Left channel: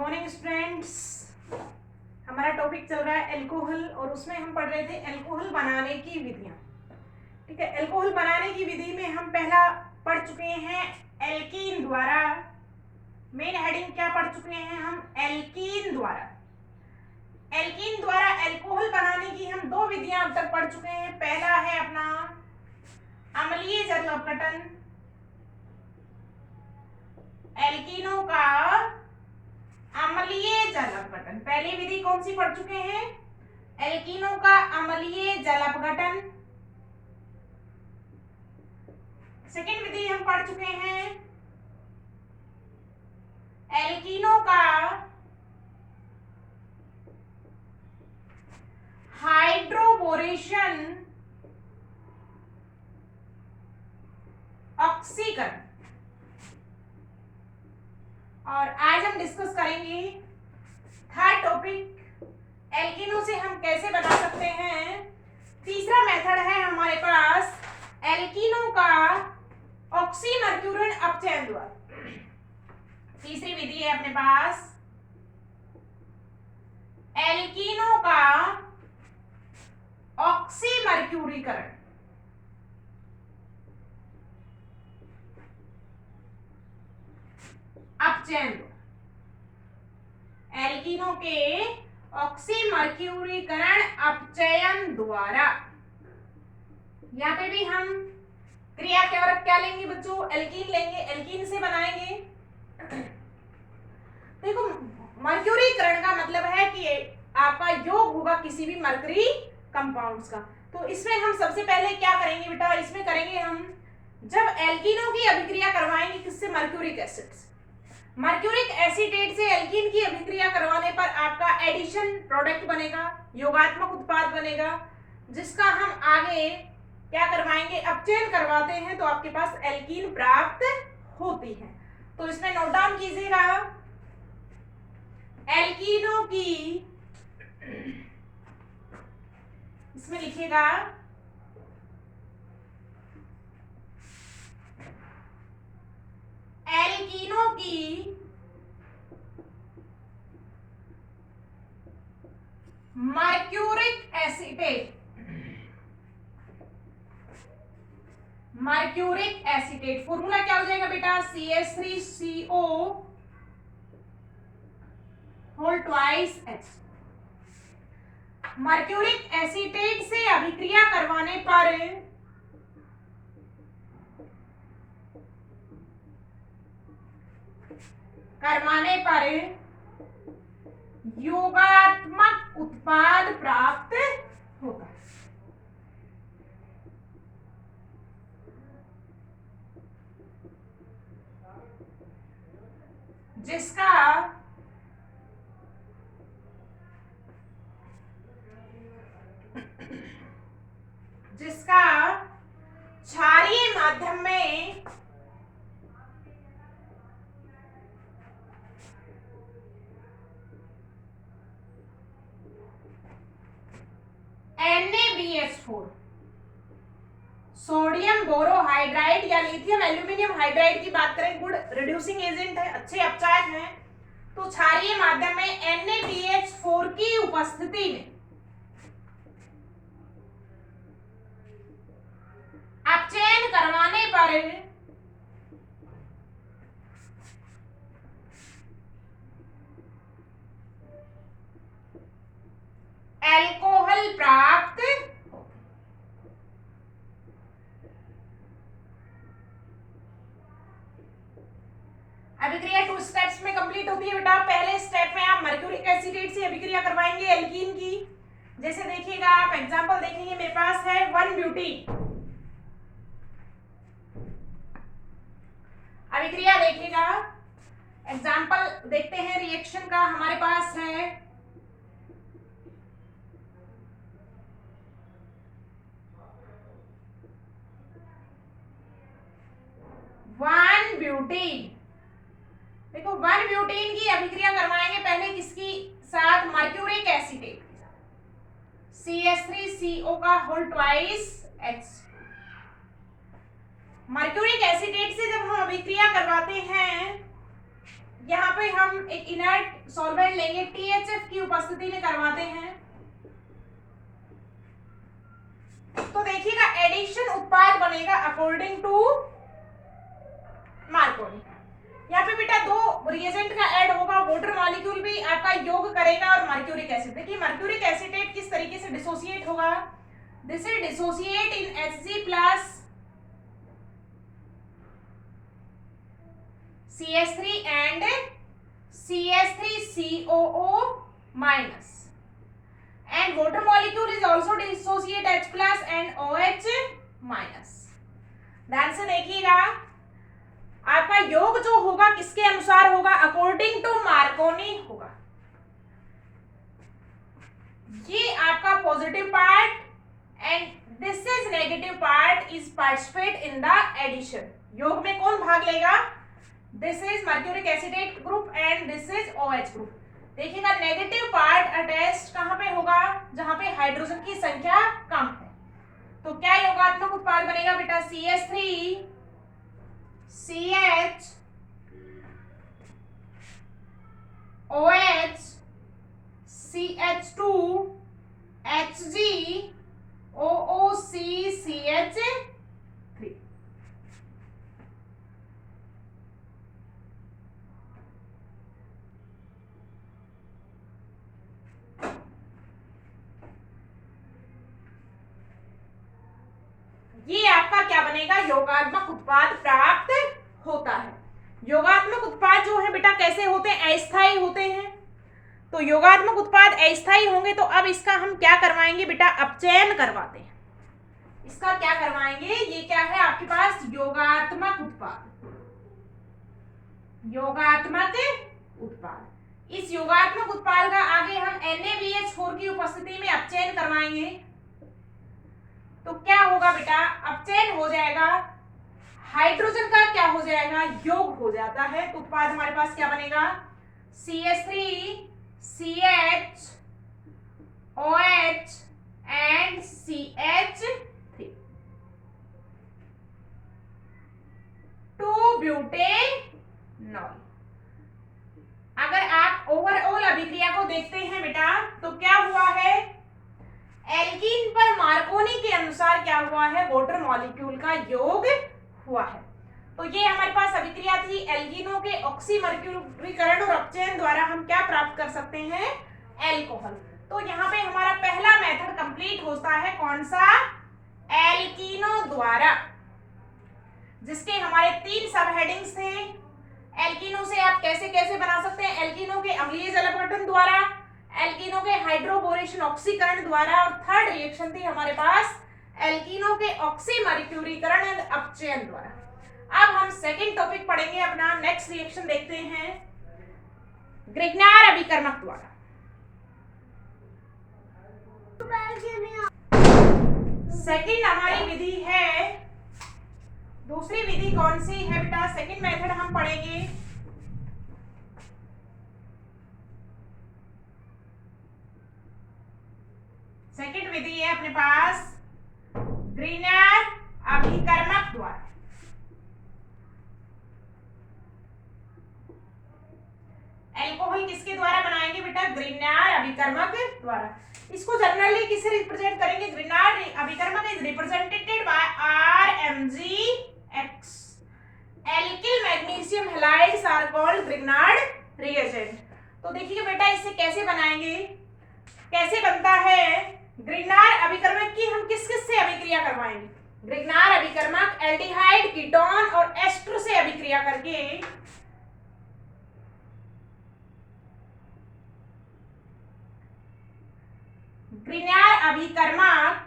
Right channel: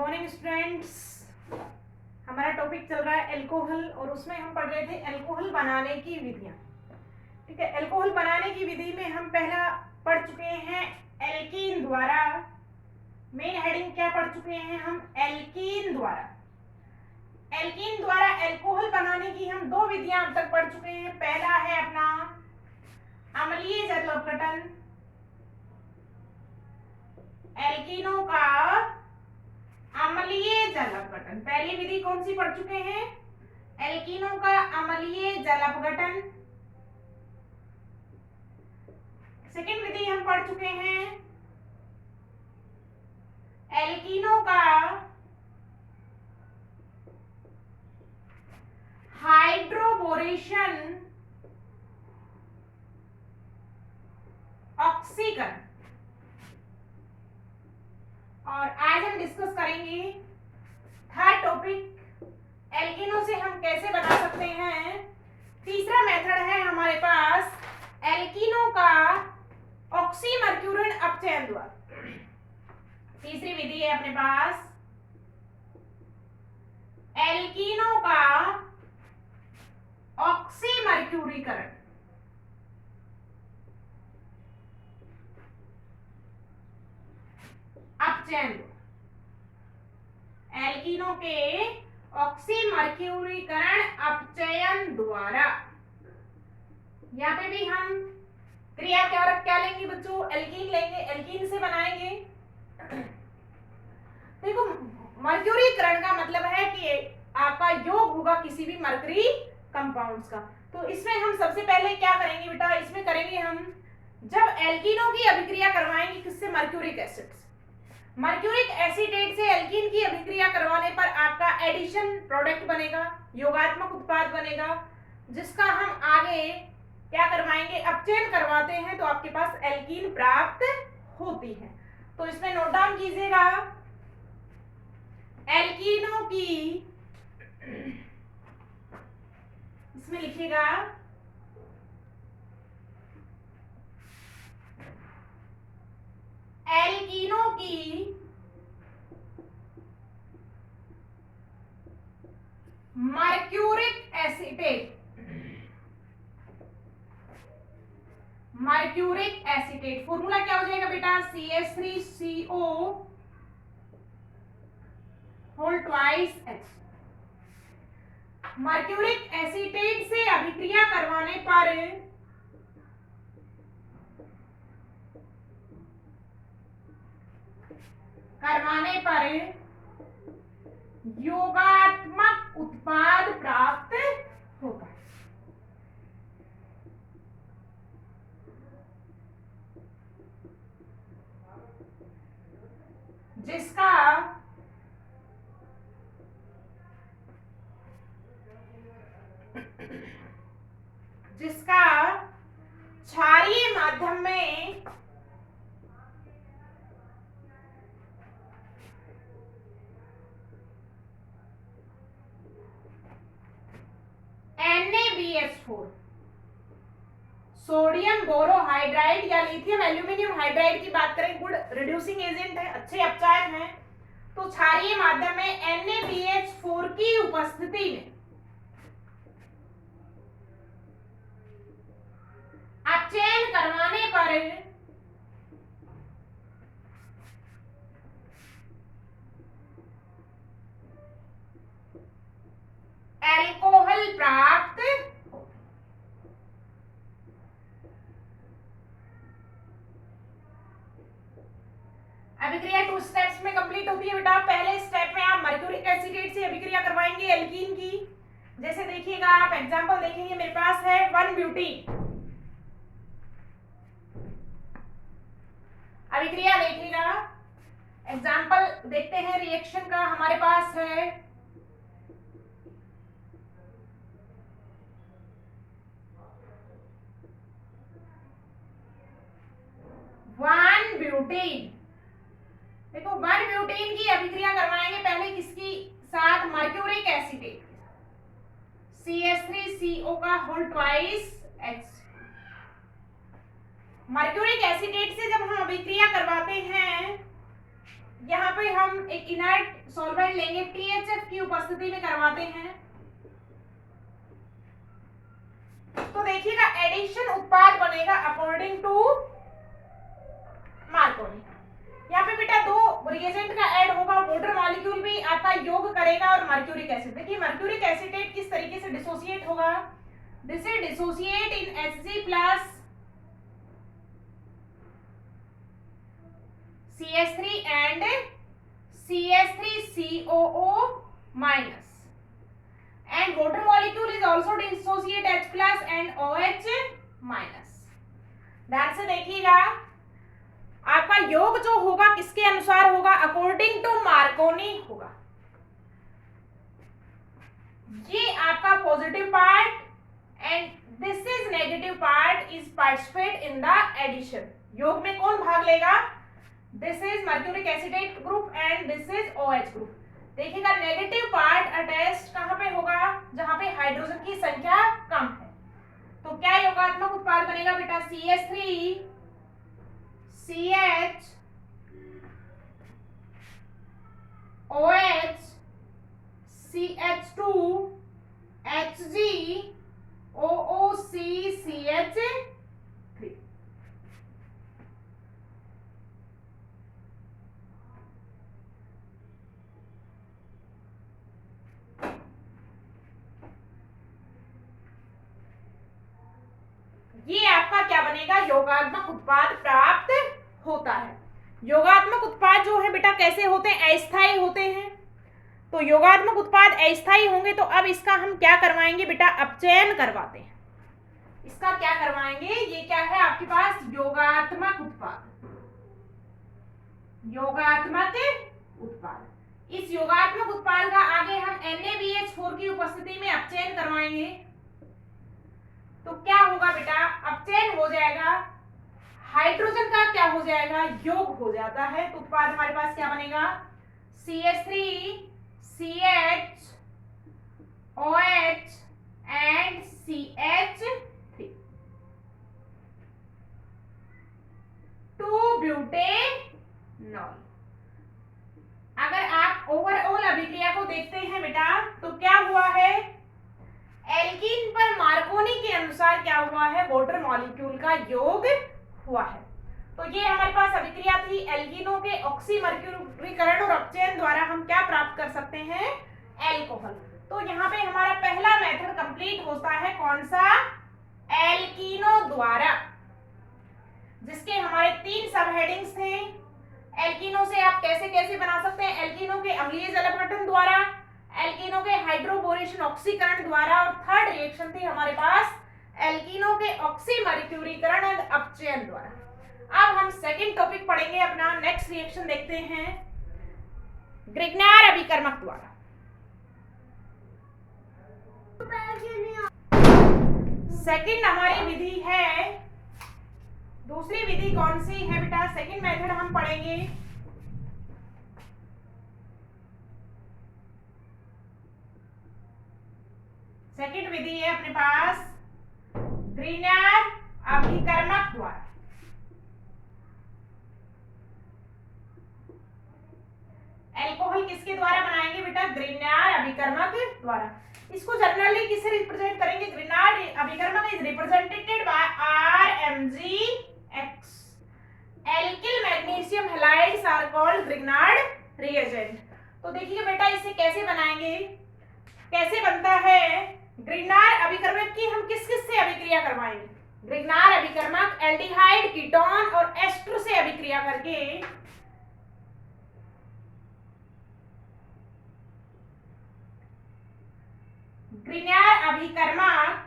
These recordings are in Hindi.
Morning students. हमारा टॉपिक चल रहा है अल्कोहल और उसमें हम पढ़ रहे थे अल्कोहल बनाने की विधियां। ठीक है, अल्कोहल बनाने की विधि में हम पहला पढ़ चुके हैं एल्कीन द्वारा। मेन हेडिंग क्या पढ़ चुके हैं हम? एल्कीन द्वारा। एल्कीन द्वारा अल्कोहल बनाने की हम दो विधियां अब तक पढ़ चुके हैं। पहला है अपना अम्लीय जल अपघटन, एल्कीनों का अम्लीय जल अपघटन। पहली विधि कौन सी पढ़ चुके हैं? एल्कीनों का अम्लीय जल अपघटन। सेकेंड विधि हम पढ़ चुके हैं एल्कीनों का हाइड्रोबोरेशन ऑक्सीकरण। और आज हम डिस्कस करेंगे थर्ड टॉपिक, एल्कीनों से हम कैसे बना सकते हैं। तीसरा मेथड है हमारे पास एल्कीनों का ऑक्सीमर्क्यूरिन अपचयन द्वारा। तीसरी विधि है अपने पास एल्कीनों का ऑक्सीमर्क्यूरीकरण। अपचयन, एल्कीनों के ऑक्सीमर्क्यूरीकरण अपचयन द्वारा। यहाँ पे भी हम क्रिया क्या लेंगे बच्चों? एल्कीन लेंगे, एल्कीन से बनाएंगे। देखो, मर्क्यूरीकरण का मतलब है कि आपका योग होगा किसी भी मरकरी कंपाउंड्स का। तो इसमें हम सबसे पहले क्या करेंगे बेटा? इसमें करेंगे हम जब एल्कीनों की अभिक्रिया करवाएंगे किससे? मर्क्यूरिक एसिड से। मर्क्यूरिक एसीटेट से एल्कीन की अभिक्रिया करवाने पर आपका एडिशन प्रोडक्ट बनेगा, योगात्मक उत्पाद बनेगा, जिसका हम आगे क्या करवाएंगे? अपचयन करवाते हैं तो आपके पास एल्कीन प्राप्त होती है। तो इसमें नोट डाउन कीजिएगा, एल्कीनों की, इसमें लिखिएगा एल्कीनों की mercuric acetate, mercuric acetate formula क्या हो जाएगा बेटा? CH3CO whole twice H। Mercuric acetate से अभिक्रिया करवाने पर योगात्मक उत्पाद प्राप्त होता है। जिसका क्षारीय माध्यम में NaBH4 सोडियम बोरोहाइड्राइड या लिथियम एल्यूमिनियम हाइड्राइड की बात करें, गुड रिड्यूसिंग एजेंट है, अच्छे अपचायक हैं। तो क्षारीय माध्यम में NaBH4 की उपस्थिति में अपचयन करवाने पर अल्कोहल प्राप्त हो। अभिक्रिया 2 स्टेप्स में कंप्लीट होती है बेटा। पहले स्टेप में आप मर्क्यूरिक एसीटेट से अभिक्रिया करवाएंगे एल्कीन की। जैसे देखिएगा, आप एग्जांपल देखेंगे, मेरे पास है 1-ब्यूटीन। अभिक्रिया देखिएगा, एग्जांपल देखते हैं रिएक्शन का। हमारे पास है 1-ब्यूटीन। देखो, 1-ब्यूटीन की अभिक्रिया करवाएंगे पहले किसकी साथ? मर्क्यूरिक एसीटेट के साथ, CH3CO का whole twice H। Mercuric acetate से जब हम अभिक्रिया करवाते हैं यहाँ पे हम एक इनर्ट सॉल्वेंट लेंगे, THF की उपस्थिति में करवाते हैं। तो देखिएगा एडिशन उत्पाद बनेगा अकॉर्डिंग टू मार्कोनी। यहाँ पे बेटा दो रिएजेंट का ऐड होगा, वाटर मॉलिक्यूल भी आपका योग करेगा और मर्क्यूरिक एसिड। देखिए मर्क्यूरिक एसिटेट किस तरीके से डिसोसिएट होगा, this is dissociate in Hg plus CH3 and CH3COO minus, and water molecule is also dissociate H plus and OH minus। ध्यान से देखिएगा आपका योग जो होगा किसके अनुसार होगा, अकॉर्डिंग टू मार्कोनी होगा। ये आपका positive part and this is negative part is participate in the addition. योग में कौन भाग लेगा, this is mercuric acetate group and this is OH group. देखिएगा नेगेटिव पार्ट अटैच्ड कहां पे होगा, जहां पे हाइड्रोजन की संख्या कम है। तो क्या योगात्मक उत्पाद बनेगा बेटा, CH3 CH OH CH2 Hg OOC CH3। ये आपका क्या बनेगा, योगात्मक उत्पाद प्राप्त होता है। योगात्मक उत्पाद जो है बेटा कैसे होते हैं, अस्थायी होते हैं। तो योगात्मक उत्पाद अस्थायी होंगे तो अब इसका हम क्या करवाएंगे बेटा, अपचयन करवाते हैं। इसका क्या करवाएंगे, ये क्या है आपके पास, योगात्मक उत्पाद। योगात्मक उत्पाद, इस योगात्मक उत्पाद का आगे हम NaBH4 की उपस्थिति में अपचयन करवाएंगे। तो क्या होगा बेटा, अपचयन हो जाएगा, हाइड्रोजन का क्या हो जाएगा, योग हो जाता है। तो उत्पाद हमारे पास क्या बनेगा, CH3 CH OH and CH3 2 butanol. अगर आप ओवरऑल अभिक्रिया को देखते हैं बेटा तो क्या हुआ है, एल्कीन पर मार्कोनी के अनुसार क्या हुआ है, वाटर मॉलिक्यूल का योग हुआ है। तो ये हमारे पास अभिक्रिया थी एल्कीनों के ऑक्सीमर्क्यूरीकरण और अपचयन द्वारा हम क्या प्राप्त कर सकते हैं, एल्कोहल। तो यहाँ पे हमारा पहला मेथड कंप्लीट होता है, कौन सा, एल्कीनों द्वारा, जिसके हमारे 3 सब हेडिंग्स थे। एल्कीनों से आप कैसे कैसे बना सकते हैं, एल्कीनों के अम्लीय जल अपघटन द्वारा, एल्कीनों के हाइड्रोबोरेशन ऑक्सीकरण द्वारा, और थर्ड रिएक्शन थी हमारे पास एल्कीनों के ऑक्सीमर्क्यूरीकरण एंड अपचयन द्वारा। अब हम सेकंड टॉपिक पढ़ेंगे अपना, नेक्स्ट रिएक्शन देखते हैं, ग्रिग्नार अभिकर्मक द्वारा। सेकंड हमारी विधि है, दूसरी विधि कौन सी है बेटा, सेकंड मेथड हम पढ़ेंगे सेकंड विधि है अपने पास ग्रिग्नार अभिकर्मक द्वारा। एल्कोहल किसके द्वारा बनाएंगे बेटा, ग्रिग्नार अभिकर्मक द्वारा। इसको जनरली किससे रिप्रेजेंट करेंगे, ग्रिग्नार अभिकर्मक is represented by RMgX। Alkyl magnesium halides are called Grignard reagent. तो देखिए बेटा इसे कैसे बनाएंगे, कैसे बनता है ग्रिग्नार अभिकर्मक की, हम किस किस से अभिक्रिया करवाएंगे, ग्रिग्नार अभिकर्मक एल्डिहाइड कीटोन और एस्टर से अभिक्रिया करके ग्रिग्नार अभिकर्मक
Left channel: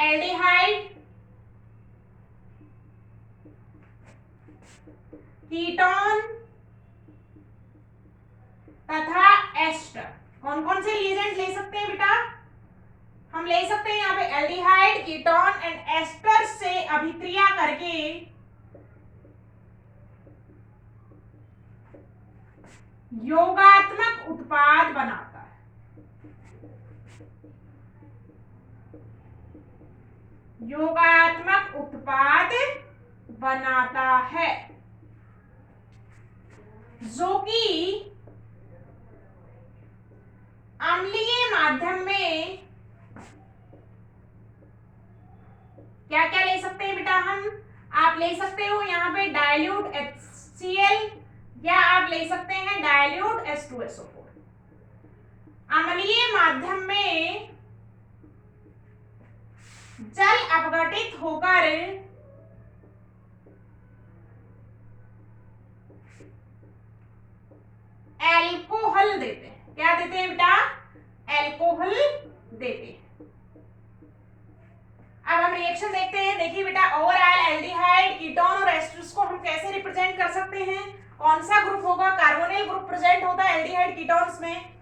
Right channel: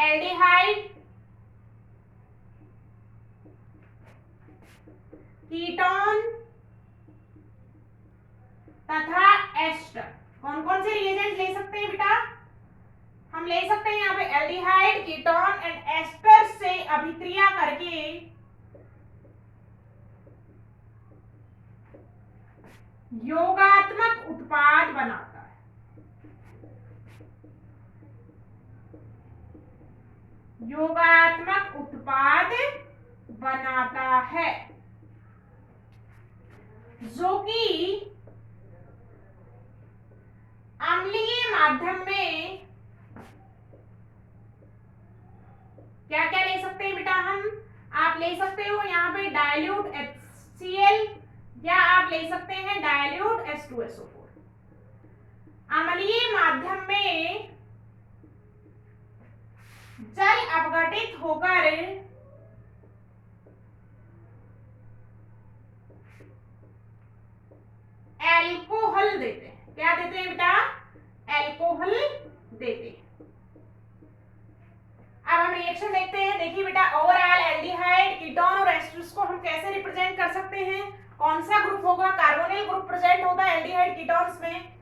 एल्डिहाइड कीटोन तथा एस्टर, कौन कौन से रिएजेंट ले सकते हैं बेटा, हम ले सकते हैं यहाँ पे एल्डिहाइड कीटोन एंड एस्टर से अभिक्रिया करके योगात्मक उत्पाद बनाता है। योगात्मक उत्पाद बनाता है, जो कि अम्लीय माध्यम में क्या क्या ले सकते हैं बेटा हम? आप ले सकते हो यहाँ पे डाइल्यूट HCl या आप ले सकते हैं डाइल्यूट H2SO4। अम्लीय माध्यम में जल अपघटित होकर एल्कोहल देते हैं। क्या देते हैं बेटा? एल्कोहल देते हैं। अब हम रिएक्शन देखते हैं। देखिए बेटा, ओवरऑल एल्डिहाइड, कीटोन और एस्टर्स को हम कैसे रिप्रेजेंट कर सकते हैं? कौन सा ग्रुप होगा? कार्बोनिल ग्रुप प्रेजेंट होता है एल्डिहाइड कीटोन्स में।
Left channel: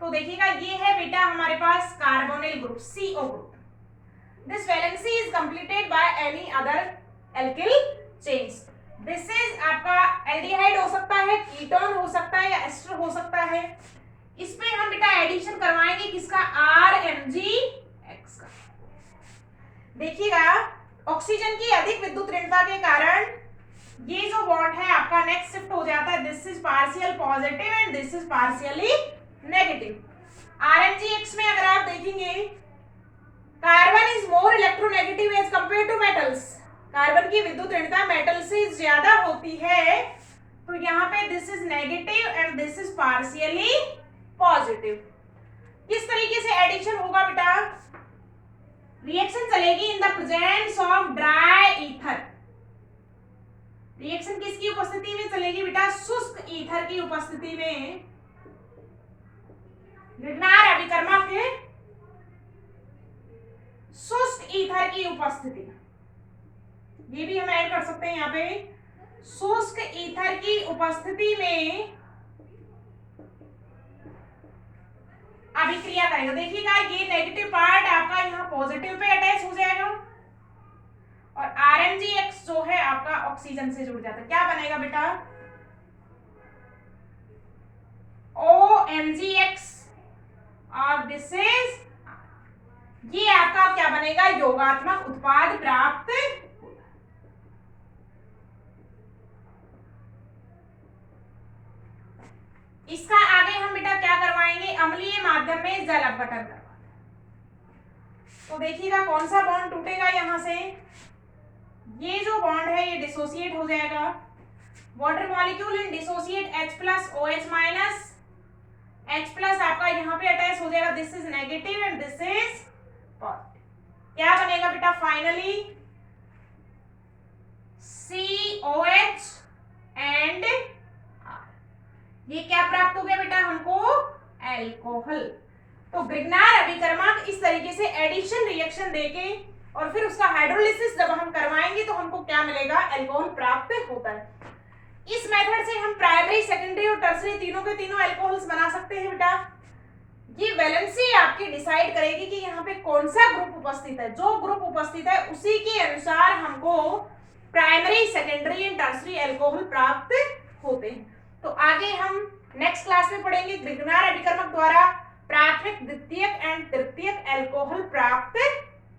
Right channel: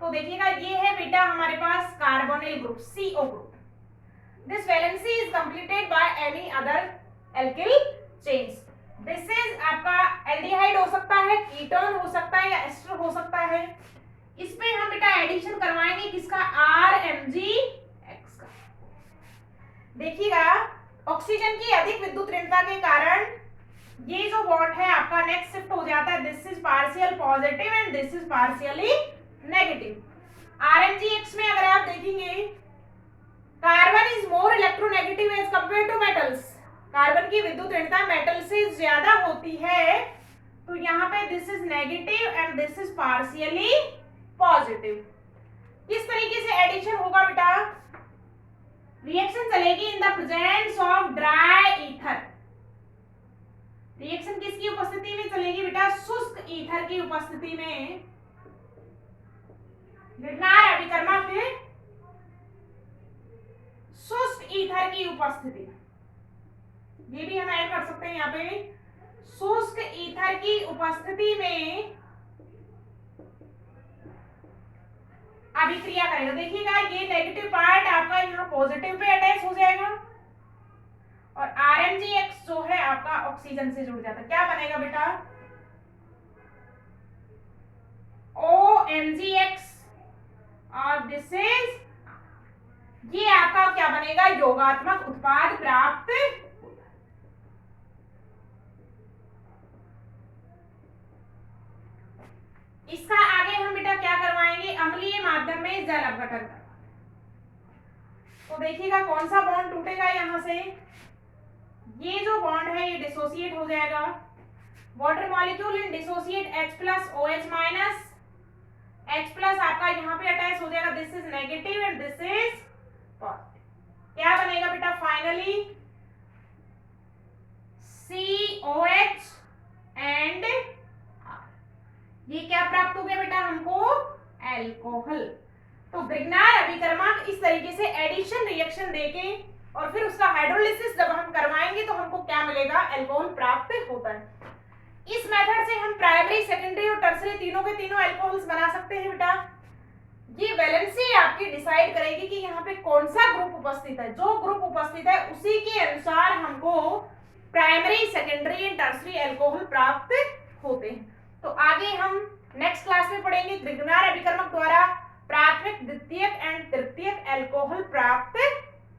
तो देखिएगा ये है बेटा हमारे पास carbonyl group, CO group. This valency is completed by any other alkyl chains. This is आपका एल्डिहाइड हो सकता है, कीटोन हो सकता है या एस्टर हो सकता है। इसमें हम बेटा एडिशन करवाएंगे किसका? RMgX का। देखिएगा, ऑक्सीजन की अधिक विद्युत ऋणता के कारण ये जो बॉन्ड है आपका नेक्स्ट शिफ्ट हो जाता है। This is partial positive and this is partially negative. RMgX में अगर आप देखेंगे, carbon is more electronegative as compare to metals. Carbon की विद्युत ऋणता मेटल से ज्यादा होती है, तो यहाँ पे this is negative and this is partially positive. किस तरीके से एडिशन होगा बेटा? रिएक्शन चलेगी in the presence of dry ether. Reaction किसकी उपस्थिति में चलेगी बेटा? शुष्क ईथर की उपस्थिति में। ग्रिग्नार अभिकर्मक के शुष्क ईथर की उपस्थिति, ये भी हम ऐड कर सकते हैं यहाँ पे। शुष्क ईथर की उपस्थिति में अभिक्रिया करेगा। देखिएगा, ये नेगेटिव पार्ट आपका यहाँ पॉजिटिव पे अटैच हो जाएगा और RMgX जो है आपका ऑक्सीजन से जुड़ जाता है। क्या बनेगा बेटा? OMgX और दिस इज, ये आपका क्या बनेगा? योगात्मक उत्पाद प्राप्त। इसका आगे हम बेटा क्या करवाएंगे? अम्लीय माध्यम में जल अपघटन करवाएंगे। तो देखिएगा कौन सा बॉन्ड टूटेगा यहाँ से? ये जो बॉन्ड है ये डिसोसिएट हो जाएगा। वाटर मॉलिक्यूल इन डिसोसिएट H+ OH- H+ आपका यहाँ पे अटैच हो जाएगा। This is negative and this is positive. क्या बनेगा बेटा? Finally COH and R। ये क्या प्राप्त हो गया बेटा हमको? एल्कोहल। तो ग्रिग्नार अभिकर्मक इस तरीके से एडिशन रिएक्शन देके और फिर उसका हाइड्रोलिसिस जब हम करवाएंगे तो हमको क्या मिलेगा? एल्कोहल प्राप्त होता है। इस मेथड से हम प्राइमरी, सेकेंडरी और टर्सरी तीनों के तीनों एल्कोहल्स बना सकते हैं बेटा। ये वैलेंसी आपकी डिसाइड करेगी कि यहाँ पे कौन सा ग्रुप उपस्थित है। जो ग्रुप उपस्थित है उसी के अनुसार हमको primary, secondary and tertiary alcohol प्राप्त होते हैं। तो आगे हम नेक्स्ट क्लास में पढ़ेंगे ग्रिग्नार अभिकर्मक द्वारा प्राथमिक, द्वितीयक एंड तृतीयक एल्कोहल प्राप्त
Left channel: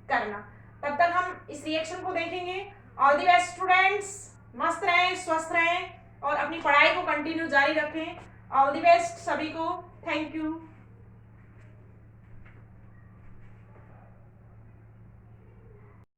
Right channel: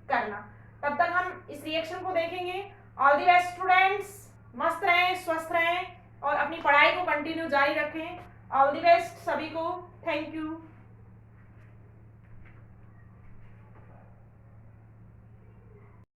करना। तब तक हम इस रिएक्शन को देखेंगे। ऑल द बेस्ट स्टूडेंट्स, मस्त रहें, स्वस्थ रहें और अपनी पढ़ाई को कंटिन्यू जारी रखें। ऑल द बेस्ट सभी को। Thank you.